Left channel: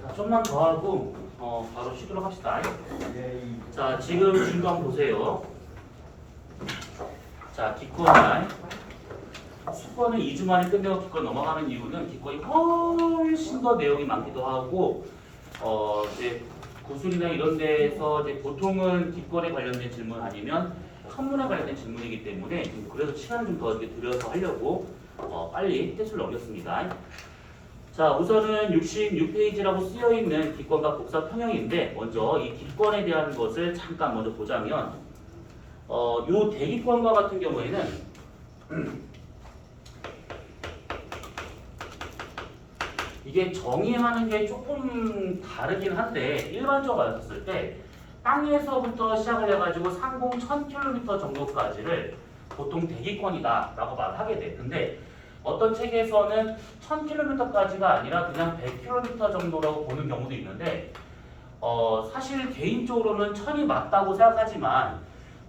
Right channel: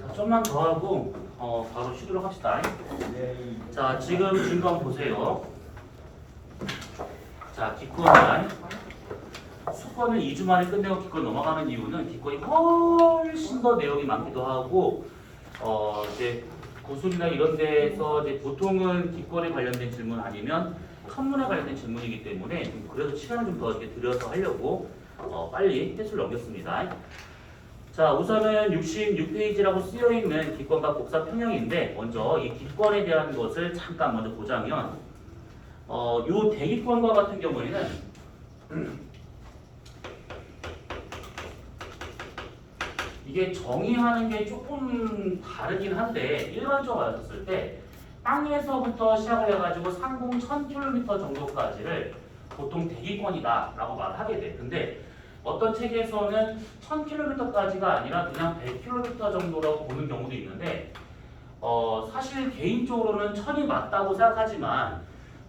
자, 좀만 더 하고 바로 쉬도록 합시다. 자, 지금 질문 한번 보세요. 자, 기권날 수권을 2주 만에 끝내고 기권 넘어가는 이유는 기권이 훨씬 더 내용이 많기도 하고 이제 고순이나 이런 데에서 이제 보통은 기권에 관련된 질문 아니면 한문에 관련된 질문이기 때문에 그래도 시간을 좀 더 이렇게 들여서 하려고 빨리 패스를 넘겼습니다. 자, 우선은 66페이지라고 쓰여있는 기권과 복사 평형인데 먼저 이 기권에 대한 것을 잠깐 먼저 보자면 요 대기권과 같은 경우에는 이게 정의하는 게 조금 다르긴 한데 일반적으로 봤을 때 땅에서부터 시작을 해가지고 상공 1000km 정도까지를 보통 대기권이다 라고 말을 하게 돼. 근데 어떤 책에서는 1000km까지가 아니라 그냥 100km 정도라고 보는 경우도 있는데 사실 개인적으로는 1000이 맞다고 생각하지만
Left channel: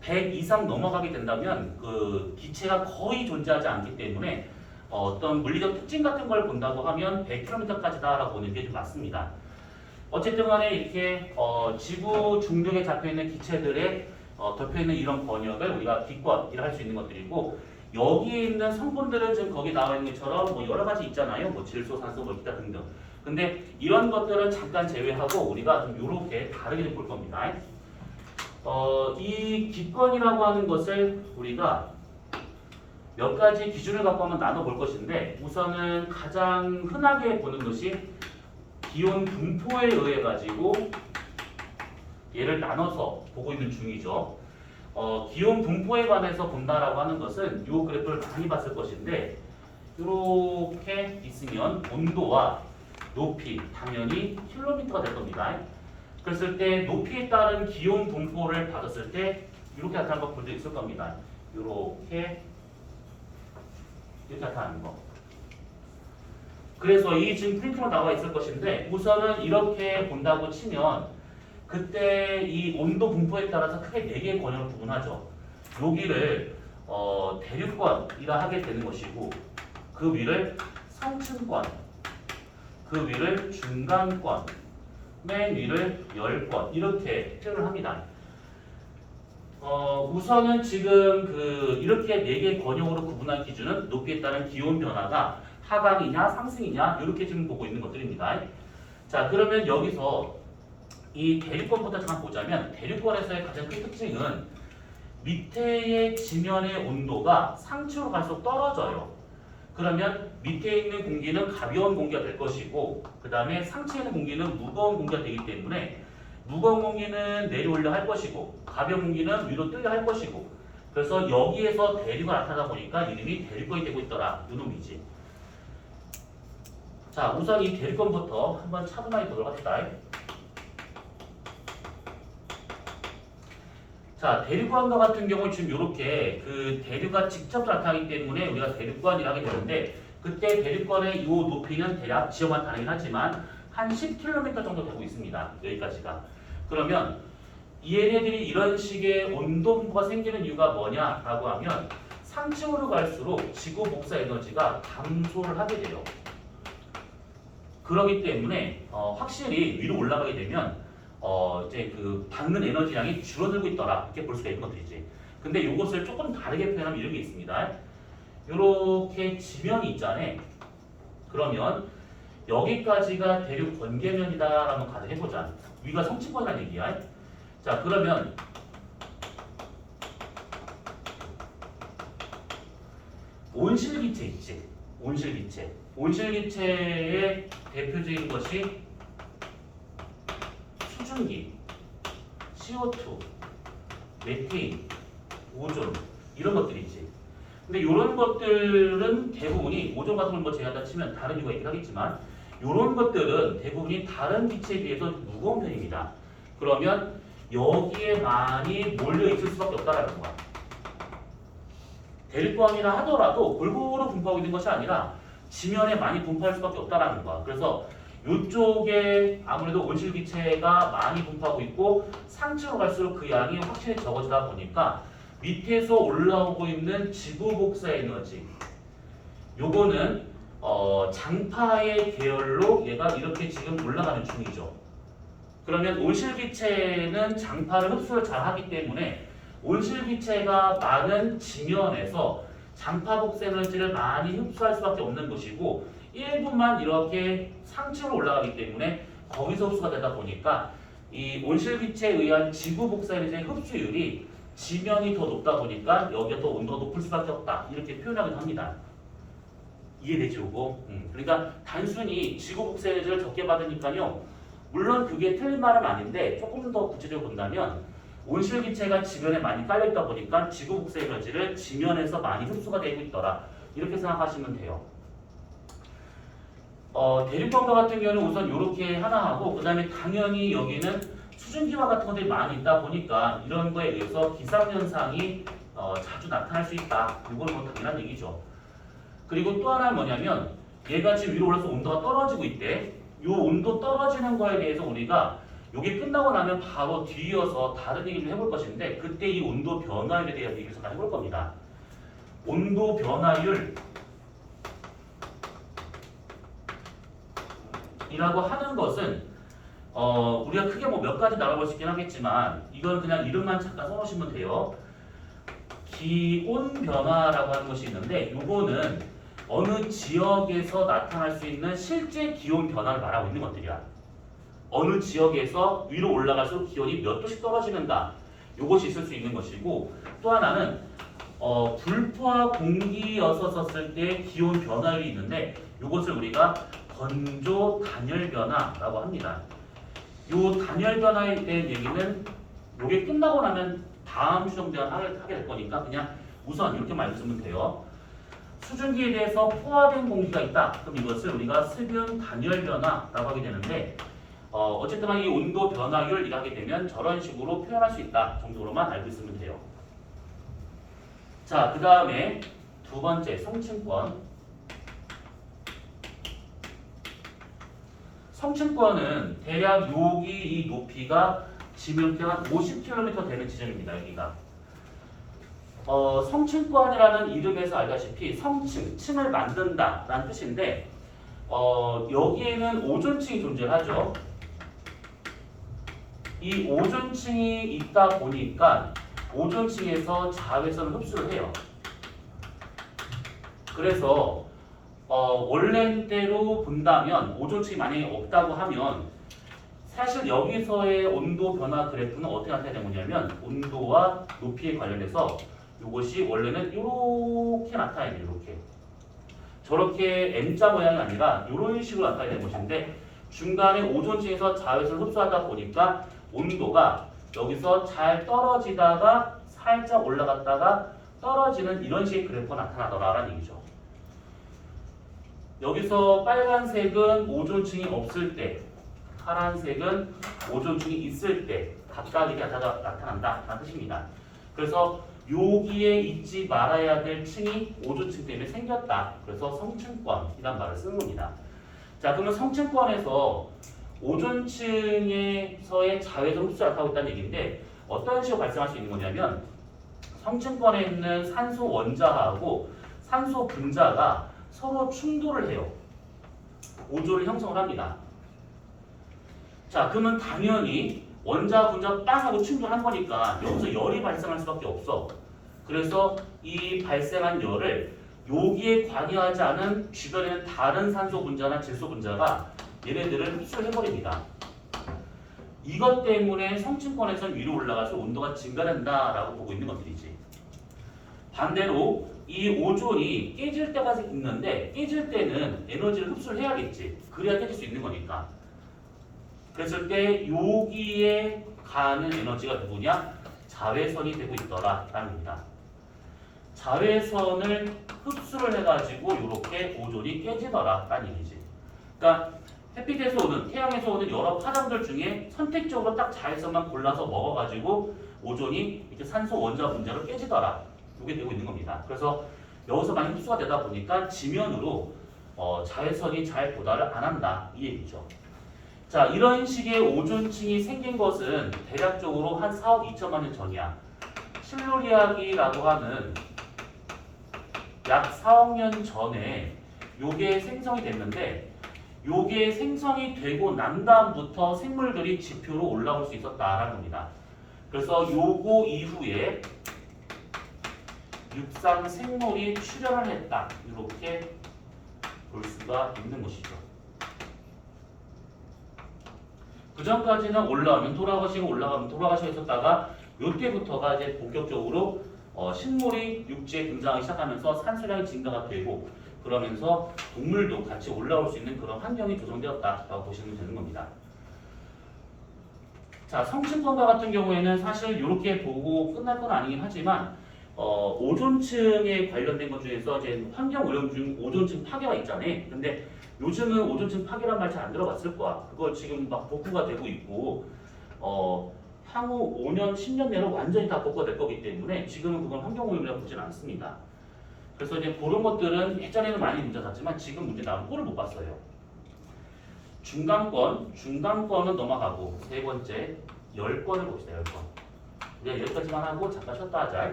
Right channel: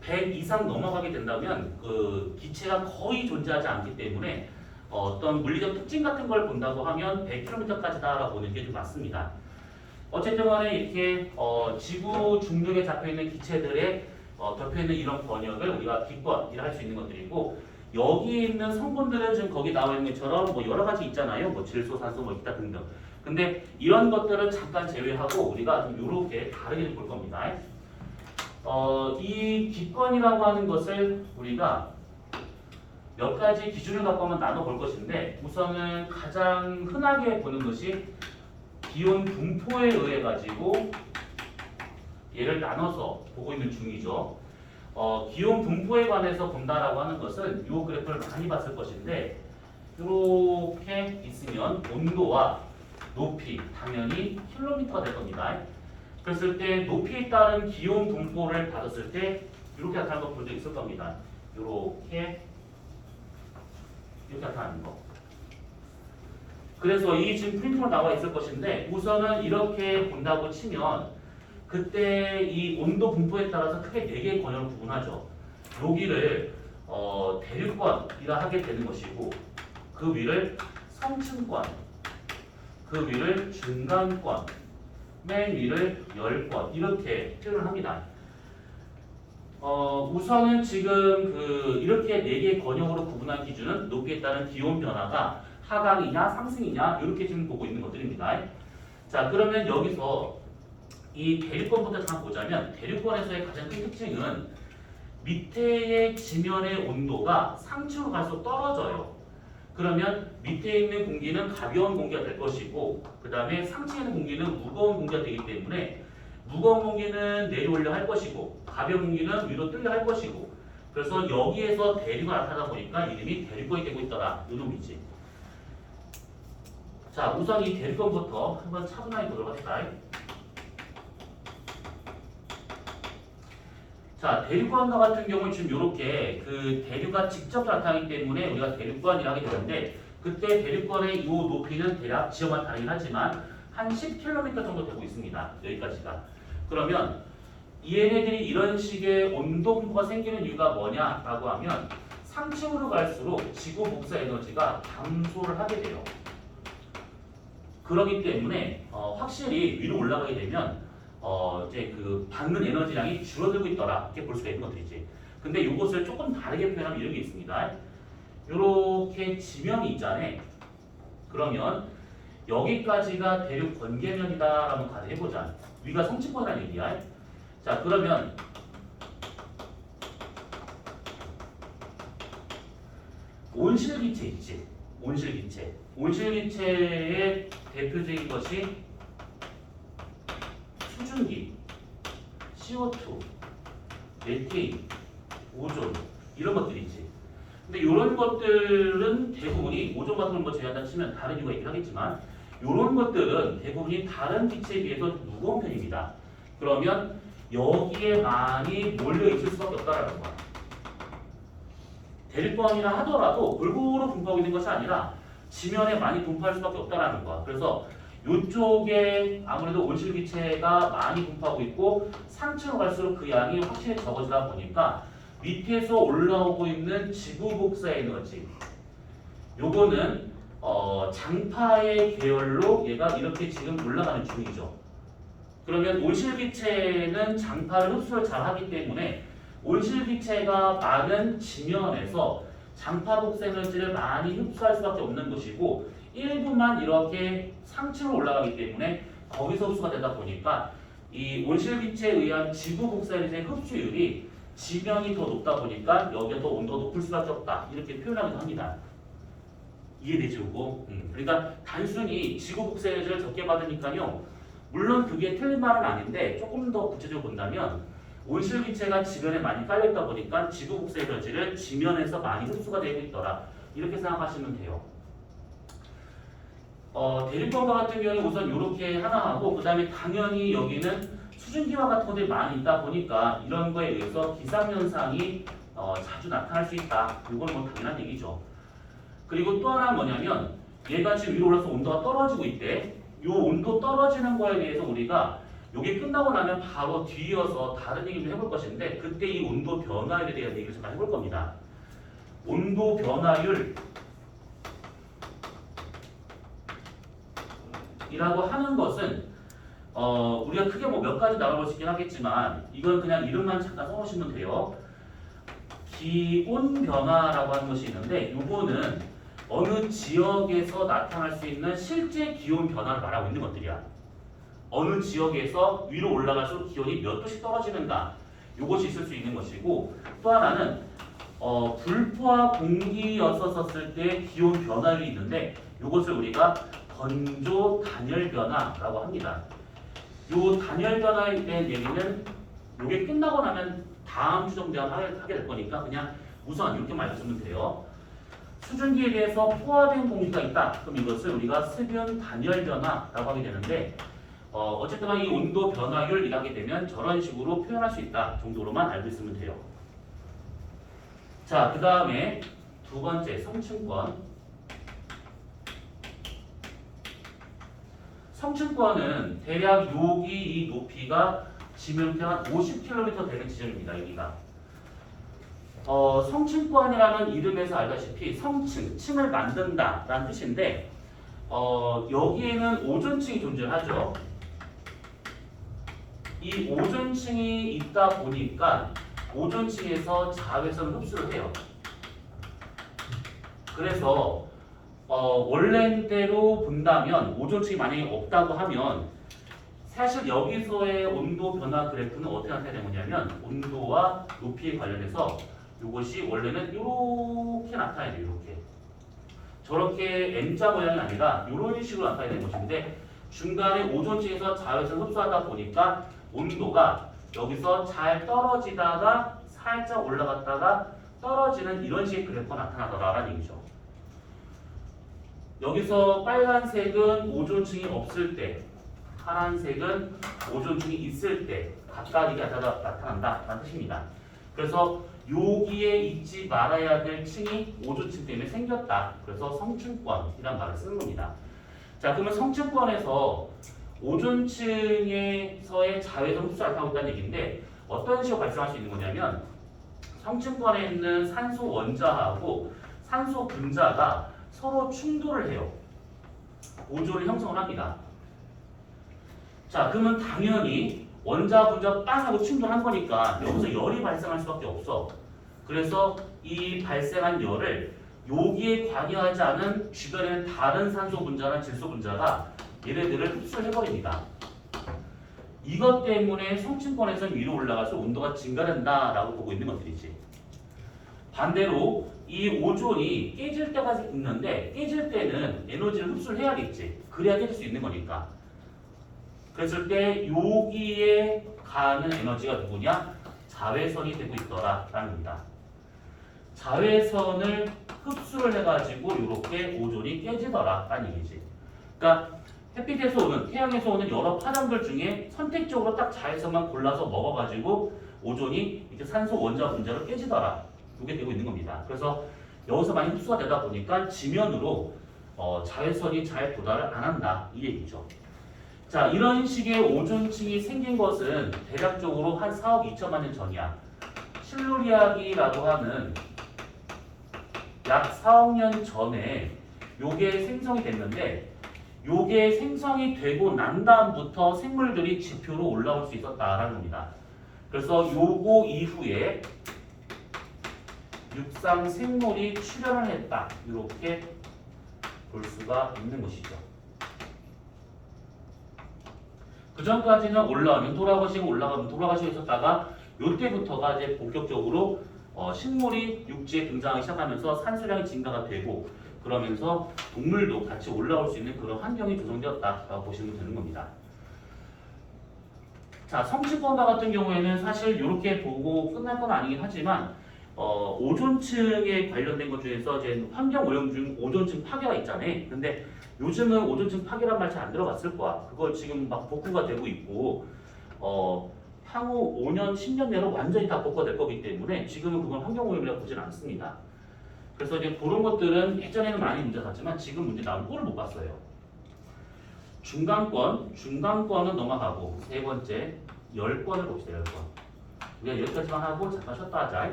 100 이상 넘어가게 된다면 그 기체가 거의 존재하지 않기 때문에 어떤 물리적 특징 같은 걸 본다고 하면 100km까지다라고 보는 게 좀 맞습니다. 어쨌든 간에 이렇게 지구 중력에 잡혀있는 기체들의 덮여있는 이런 번역을 우리가 기권이라 할 수 있는 것들이고 여기에 있는 성분들은 지금 거기 나와 있는 것처럼 뭐 여러 가지 있잖아요. 뭐 질소, 산소, 뭐 기타 등등. 근데 이런 것들은 잠깐 제외하고 우리가 좀 이렇게 다르게 볼 겁니다. 이 기권이라고 하는 것을 우리가 몇 가지 기준을 갖고 한번 나눠볼 것인데 우선은 가장 흔하게 보는 것이 기온 분포에 의해 가지고 얘를 나눠서 보고 있는 중이죠. 기온 분포에 관해서 본다라고 하는 것은 이 그래프를 많이 봤을 것인데 이렇게 있으면 온도와 높이 당연히 킬로미터가 될 겁니다. 그랬을 때 높이에 따른 기온 분포를 받았을 때 이렇게 나타나는 거 본 적 있을 겁니다. 이렇게 나타나는 거. 그래서 이 지금 프린트로 나와 있을 것인데 우선은 이렇게 본다고 치면 그때 이 온도 분포에 따라서 크게 4개의 권역을 구분하죠. 여기를 대륙권이라 하게 되는 것이고 그 위를 상층권, 그 위를 중간권, 맨 위를 열권 이렇게 표현을 합니다. 우선은 지금 이렇게 4개의 권역으로 구분한 기준은 높이에 따른 기온 변화가 하강이냐 상승이냐 이렇게 지금 보고 있는 것들입니다. 자, 그러면 여기서 이 대륙권부터 잠깐 보자면 대륙권에서의 가장 큰 특징은 밑에의 지면의 온도가 상층으로 갈수록 떨어져요. 그러면 밑에 있는 공기는 가벼운 공기가 될 것이고 그 다음에 상층에 있는 공기는 무거운 공기가 되기 때문에 무거운 공기는 내려오려 할 것이고 가벼운 공기는 위로 뜨려 할 것이고 그래서 여기에서 대류가 나타나다 보니까 이름이 대륙권이 되고 있더라 이 놈이지. 자, 우선 이 대륙권부터 한번 차분하게 들어갑시다. 자, 대륙권과 같은 경우는 지금 이렇게 대류가 직접 나타나기 때문에 우리가 대륙권이라 하게 되는데 그때 대륙권의 이 높이는 대략 지역마다 다르긴 하지만 한 10km 정도 되고 있습니다. 여기까지가. 그러면 얘네들이 이런 식의 온도 분포가 생기는 이유가 뭐냐라고 하면 상층으로 갈수록 지구 복사 에너지가 감소를 하게 돼요. 그렇기 때문에 확실히 위로 올라가게 되면 이제 받는 에너지량이 줄어들고 있더라 이렇게 볼 수가 있는 것들이지. 근데 이것을 조금 다르게 표현하면 이런 게 있습니다. 이렇게 지면이 있잖아요. 그러면 여기까지가 대륙 번개면이다라고 가정해보자. 위가 성층권이라는 얘기야. 자, 그러면 온실기체 있지. 온실기체. 온실기체의 대표적인 것이 수증기, CO2, 메테인, 오존 이런 것들이지. 근데 이런 것들은 대부분이 오존 같은 걸 뭐 제외하다 치면 다른 이유가 있긴 하겠지만 이런 것들은 대부분이 다른 기체에 비해서 무거운 편입니다. 그러면 여기에 많이 몰려 있을 수밖에 없다라는 거야. 대륙권이라 하더라도 골고루 분포하고 있는 것이 아니라 지면에 많이 분포할 수밖에 없다라는 거야. 그래서 이쪽에 아무래도 온실기체가 많이 분포하고 있고 상층으로 갈수록 그 양이 확실히 적어지다 보니까 밑에서 올라오고 있는 지구 복사 에너지 요거는 장파의 계열로 얘가 이렇게 지금 올라가는 중이죠. 그러면 온실기체는 장파를 흡수를 잘 하기 때문에 온실기체가 많은 지면에서 장파 복생물질을 많이 흡수할 수밖에 없는 것이고 일부만 이렇게 상층으로 올라가기 때문에 거기서 흡수가 되다 보니까 이 온실기체에 의한 지구 복생물질의 흡수율이 지면이 더 높다 보니까 여기가 더 온도가 높을 수밖에 없다. 이렇게 표현하기도 합니다. 이해되죠, 이거? 그러니까 단순히 지구 복생물질을 적게 받으니까요. 물론 그게 틀린 말은 아닌데 조금 더 구체적으로 본다면 온실기체가 지면에 많이 깔려있다 보니까 지구 복생물질을 지면에서 많이 흡수가 되고 있더라. 이렇게 생각하시면 돼요. 대륙광과 같은 경우는 우선 이렇게 하나 하고 그 다음에 당연히 여기는 수증기와 같은 것들이 많이 있다 보니까 이런 거에 의해서 기상현상이 자주 나타날 수 있다. 이건 뭐 당연한 얘기죠. 그리고 또 하나는 뭐냐면 얘가 지금 위로 올라서 온도가 떨어지고 있대. 이 온도 떨어지는 거에 대해서 우리가 이게 끝나고 나면 바로 뒤이어서 다른 얘기를 해볼 것인데 그때 이 온도 변화율에 대한 얘기를 잠깐 해볼 겁니다. 온도 변화율 이라고 하는 것은 우리가 크게 뭐 몇 가지 나눠볼 수 있긴 하겠지만 이건 그냥 이름만 잠깐 써놓으시면 돼요. 기온 변화라고 하는 것이 있는데 이거는 어느 지역에서 나타날 수 있는 실제 기온 변화를 말하고 있는 것들이야. 어느 지역에서 위로 올라갈수록 기온이 몇 도씩 떨어지는가 이것이 있을 수 있는 것이고 또 하나는 불포화 공기였었을 때 기온 변화율이 있는데 이것을 우리가 건조 단열 변화라고 합니다. 이 단열 변화에 대한 얘기는 이게 끝나고 나면 다음 주 정도에 하게 될 거니까 그냥 우선 이렇게 말씀드리면 돼요. 수증기에 대해서 포화된 공기가 있다. 그럼 이것을 우리가 습연 단열 변화라고 하게 되는데 어쨌든 이 온도 변화율이라고 하게 되면 저런 식으로 표현할 수 있다 정도로만 알고 있으면 돼요. 자, 그 다음에 두 번째 성층권. 성층권은 대략 여기 이 높이가 지면표 한 50km 되는 지점입니다. 여기가. 성층권이라는 이름에서 알다시피 성층, 층을 만든다라는 뜻인데 여기에는 오존층이 존재하죠. 이 오존층이 있다 보니까 오존층에서 자외선을 흡수를 해요. 그래서 원래대로 본다면 오존층이 만약에 없다고 하면 사실 여기서의 온도 변화 그래프는 어떻게 나타내야 되냐면 온도와 높이에 관련해서 이것이 원래는 이렇게 나타나야 돼요. 이렇게. 저렇게 M자 모양이 아니라 이런 식으로 나타나야 되는 것인데 중간에 오존층에서 자외선을 흡수하다 보니까 온도가 여기서 잘 떨어지다가 살짝 올라갔다가 떨어지는 이런 식의 그래프가 나타나더라라는 얘기죠. 여기서 빨간색은 오존층이 없을 때, 파란색은 오존층이 있을 때 각각 이렇게 나타난다라는 뜻입니다. 그래서 여기에 있지 말아야 될 층이 오존층 때문에 생겼다. 그래서 성층권이란 말을 쓰는 겁니다. 자, 그러면 성층권에서 오존층에서의 자외선 흡수를 하고 있다는 얘기인데 어떤 식으로 발생할 수 있는 거냐면 성층권에 있는 산소 원자하고 산소 분자가 서로 충돌을 해요. 오존을 형성을 합니다. 자, 그러면 당연히 원자 분자 빵 하고 충돌한 거니까 여기서 열이 발생할 수밖에 없어. 그래서 이 발생한 열을 여기에 관여하지 않은 주변에 있는 다른 산소 분자나 질소 분자가 얘네들을 흡수를 해버립니다. 이것 때문에 성층권에서는 위로 올라가서 온도가 증가된다라고 보고 있는 것들이지. 반대로 이 오존이 깨질 때가 있는데 깨질 때는 에너지를 흡수를 해야겠지. 그래야 깨질 수 있는 거니까. 그랬을 때 여기에 가는 에너지가 누구냐? 자외선이 되고 있더라라는 겁니다. 자외선을 흡수를 해가지고 이렇게 오존이 깨지더라라는 얘기지. 그러니까 햇빛에서 오는, 태양에서 오는 여러 파장들 중에 선택적으로 딱 자외선만 골라서 먹어가지고 오존이 이렇게 산소 원자 분자로 깨지더라. 이게 되고 있는 겁니다. 그래서 여기서 많이 흡수가 되다 보니까 지면으로 자외선이 잘 도달을 안 한다. 이 얘기죠. 자, 이런 식의 오존층이 생긴 것은 대략적으로 한 4억 2천만 년 전이야. 실루리아기라고 하는 약 4억 년 전에 요게 생성이 됐는데 요게 생성이 되고 난 다음부터 생물들이 지표로 올라올 수 있었다라는 겁니다. 그래서 요거 이후에 육상 생물이 출현을 했다. 이렇게 볼 수가 있는 것이죠. 그 전까지는 올라가면 돌아가시고 올라가면 돌아가시고 있었다가 요때부터가 이제 본격적으로 식물이 육지에 등장하기 시작하면서 산수량이 증가가 되고 그러면서 동물도 같이 올라올 수 있는 그런 환경이 조성되었다라고 보시면 되는 겁니다. 자, 성층권과 같은 경우에는 사실 이렇게 보고 끝날 건 아니긴 하지만 오존층에 관련된 것 중에서 이제 환경오염 중 오존층 파괴가 있잖아요. 근데 요즘은 오존층 파괴란 말 잘 안 들어봤을 거야. 그거 지금 막 복구가 되고 있고 향후 5년, 10년 내로 완전히 다 복구가 될 거기 때문에 지금은 그건 환경오염이라고 보지는 않습니다. 그래서 이제 그런 것들은 예전에는 많이 문제 났지만 지금 문제 나온 꼴을 못 봤어요. 중간권은 넘어가고 세 번째 10권을 봅시다. 10권. 우리가 여기까지만 하고 잠깐 쉬었다 하자.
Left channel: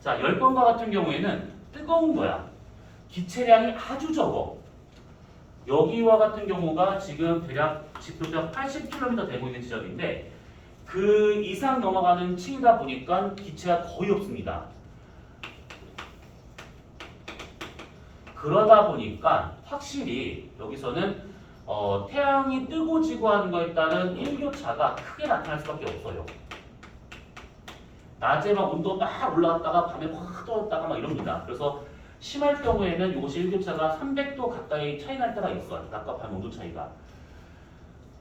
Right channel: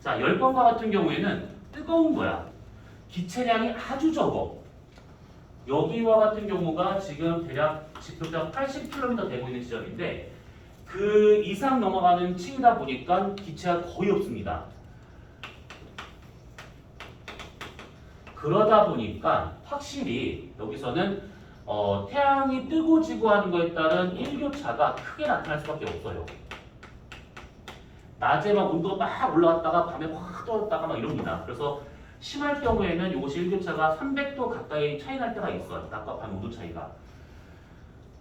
자, 10번과 같은 경우에는 뜨거운 거야. 기체량이 아주 적어. 여기와 같은 경우가 지금 대략 지표적 80km 되고 있는 지점인데 그 이상 넘어가는 층이다 보니까 기체가 거의 없습니다. 그러다 보니까 확실히 여기서는 태양이 뜨고 지고 하는 것에 따른 일교차가 크게 나타날 수밖에 없어요. 낮에 막 온도 막 올라왔다가 밤에 확 떨어졌다가 막 이럽니다. 그래서 심할 경우에는 이것이 일교차가 300도 가까이 차이 날 때가 있어요. 낮과 밤 온도 차이가.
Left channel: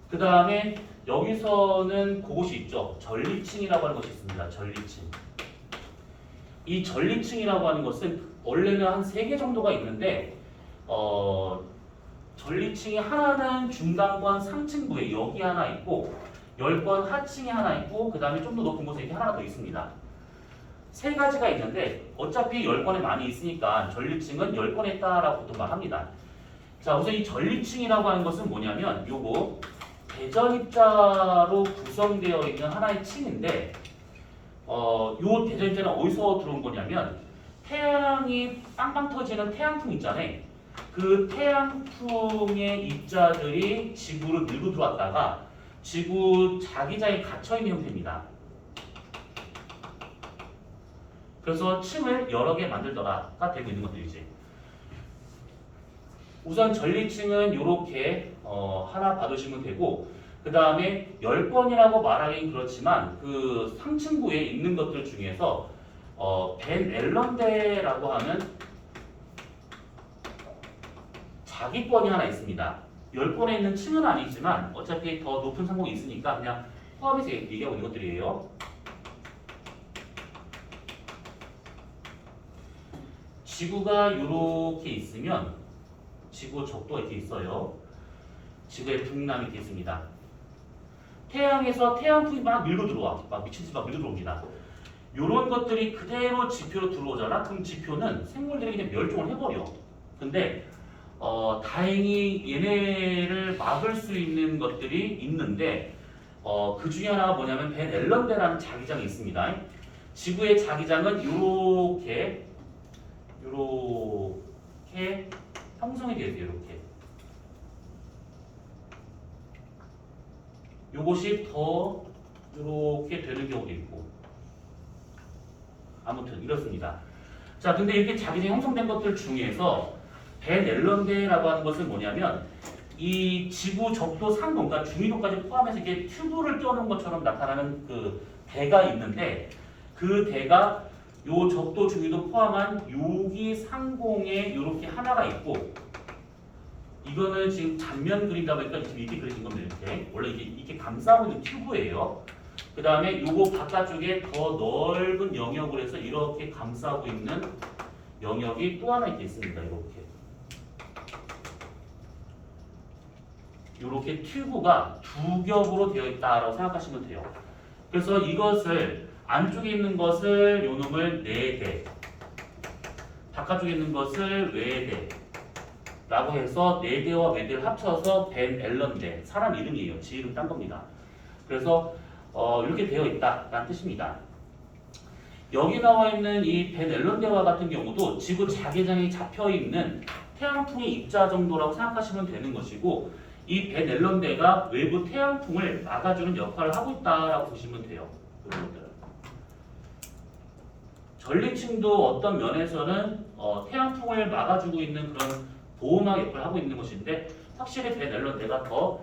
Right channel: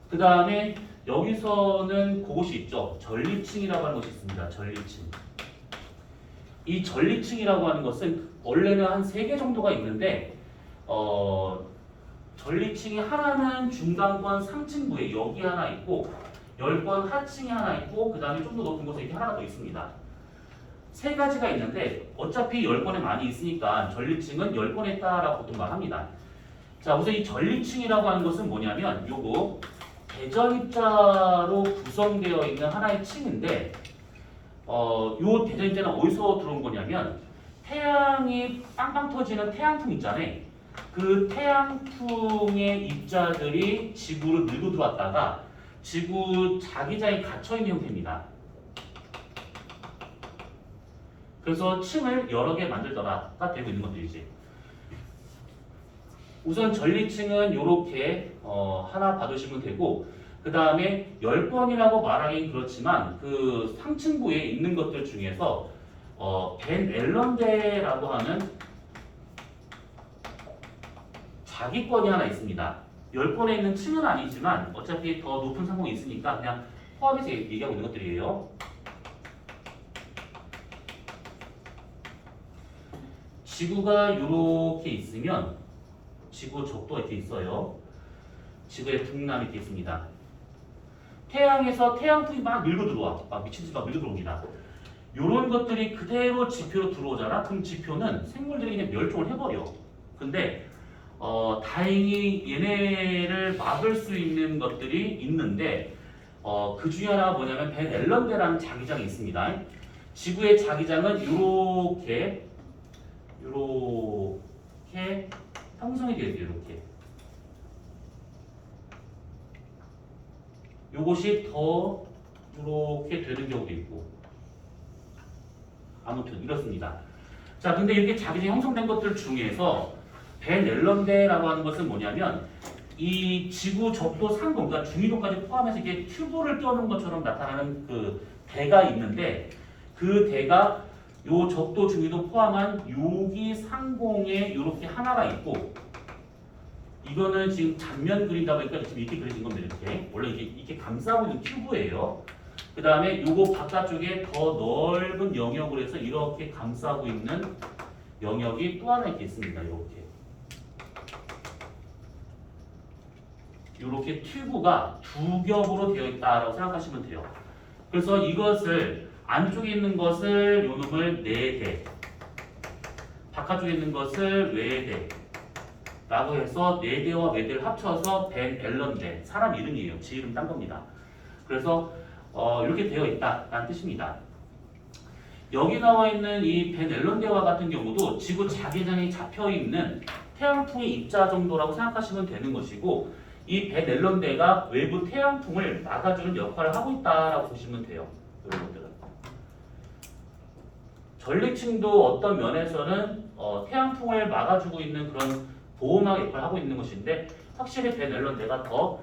그 다음에 여기서는 그것이 있죠. 전리층이라고 하는 것이 있습니다. 전리층. 이 전리층이라고 하는 것은 원래는 한 3개 정도가 있는데 전리층이 하나는 중간권 상층부에 여기 하나 있고 10권 하층에 하나 있고 그 다음에 좀 더 높은 곳에 이렇게 하나 더 있습니다. 3가지가 있는데 어차피 10권에 많이 있으니까 전리층은 10권에 있다라고 보통 말합니다. 자, 우선 이 전리층이라고 하는 것은 뭐냐면 요거 대전입자로 구성되어 있는 하나의 층인데 요 대전입자는 어디서 들어온 거냐면 태양이 빵빵 터지는 태양풍 있잖아요. 그 태양풍의 입자들이 지구를 밀고 들어왔다가 지구 자기장에 갇혀있는 형태입니다. 그래서 층을 여러 개 만들더라가 되고 있는 것들이지. 우선 전리층은 이렇게 하나 받으시면 되고 그 다음에 10권이라고 말하긴 그렇지만 그 상층부에 있는 것들 중에서 벤 앨런대라고 하는 자기권이 하나 있습니다. 10권에 있는 층은 아니지만 어차피 더 높은 상공이 있으니까 그냥 포함해서 얘기하고 있는 것들이에요. 지구가 이렇게 있으면 지구 적도가 이렇게 있어요. 지구의 북남이 이렇게 있습니다. 태양에서 태양풍이 막 밀고 들어와. 막 미친 듯이 막 밀고 들어옵니다. 이런 것들이 그대로 지표로 들어오잖아. 그럼 지표는 생물들이 그냥 멸종을 해버려. 근데 다행히 얘네를 막을 수 있는 것들이 있는데 그 중에 하나가 뭐냐면 벤 앨런대라는 자기장이 있습니다. 지구의 자기장은 이렇게 형성이 되어 있어요. 이렇게. 요것이 더 이렇게 되는 경우도 있고 아무튼 이렇습니다. 자, 근데 이렇게 자기장이 형성된 것들 중에서 벤 앨런대라고 하는 것은 뭐냐면 이 지구 적도 상공, 그러니까 중위도까지 포함해서 이게 튜브를 떼어놓은 것처럼 나타나는 그 대가 있는데 그 대가 요 적도 중위도 포함한 여기 상공에 이렇게 하나가 있고 이거는 지금 단면 그린다 보니까 지금 이렇게 그려진 겁니다. 이렇게 원래 이게 감싸고 있는 튜브예요. 그 다음에 요거 바깥쪽에 더 넓은 영역을 해서 이렇게 감싸고 있는 영역이 또 하나 있겠습니다. 이렇게 튜브가 두 겹으로 되어 있다라고 생각하시면 돼요. 그래서 이것을 안쪽에 있는 것을 요 놈을 내대, 바깥쪽에 있는 것을 외대라고 해서 내대와 외대를 합쳐서 벤 앨런대, 사람 이름이에요. 지 이름 딴 겁니다. 그래서 이렇게 되어 있다라는 뜻입니다. 여기 나와 있는 이 벤앨런대와 같은 경우도 지구 자기장이 잡혀 있는 태양풍의 입자 정도라고 생각하시면 되는 것이고, 이 벤앨런대가 외부 태양풍을 막아주는 역할을 하고 있다라고 보시면 돼요. 이런 것들은. 전리층도 어떤 면에서는 태양풍을 막아주고 있는 그런 보호막 역할을 하고 있는 것인데, 확실히 벤앨런대가 더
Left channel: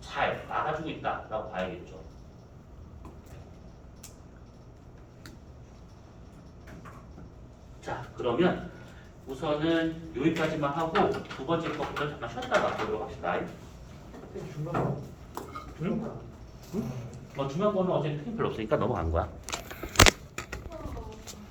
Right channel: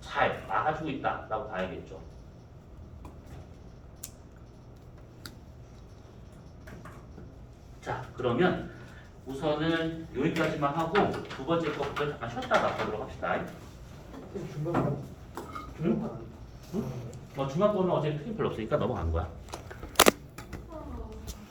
잘 막아주고 있다라고 봐야겠죠. 자, 그러면 우선은 여기까지만 하고 두 번째 것부터 잠깐 쉬었다가 보도록 합시다. 중간 응? 중간 거는 어제 틀린 별로 없으니까 넘어간 거야.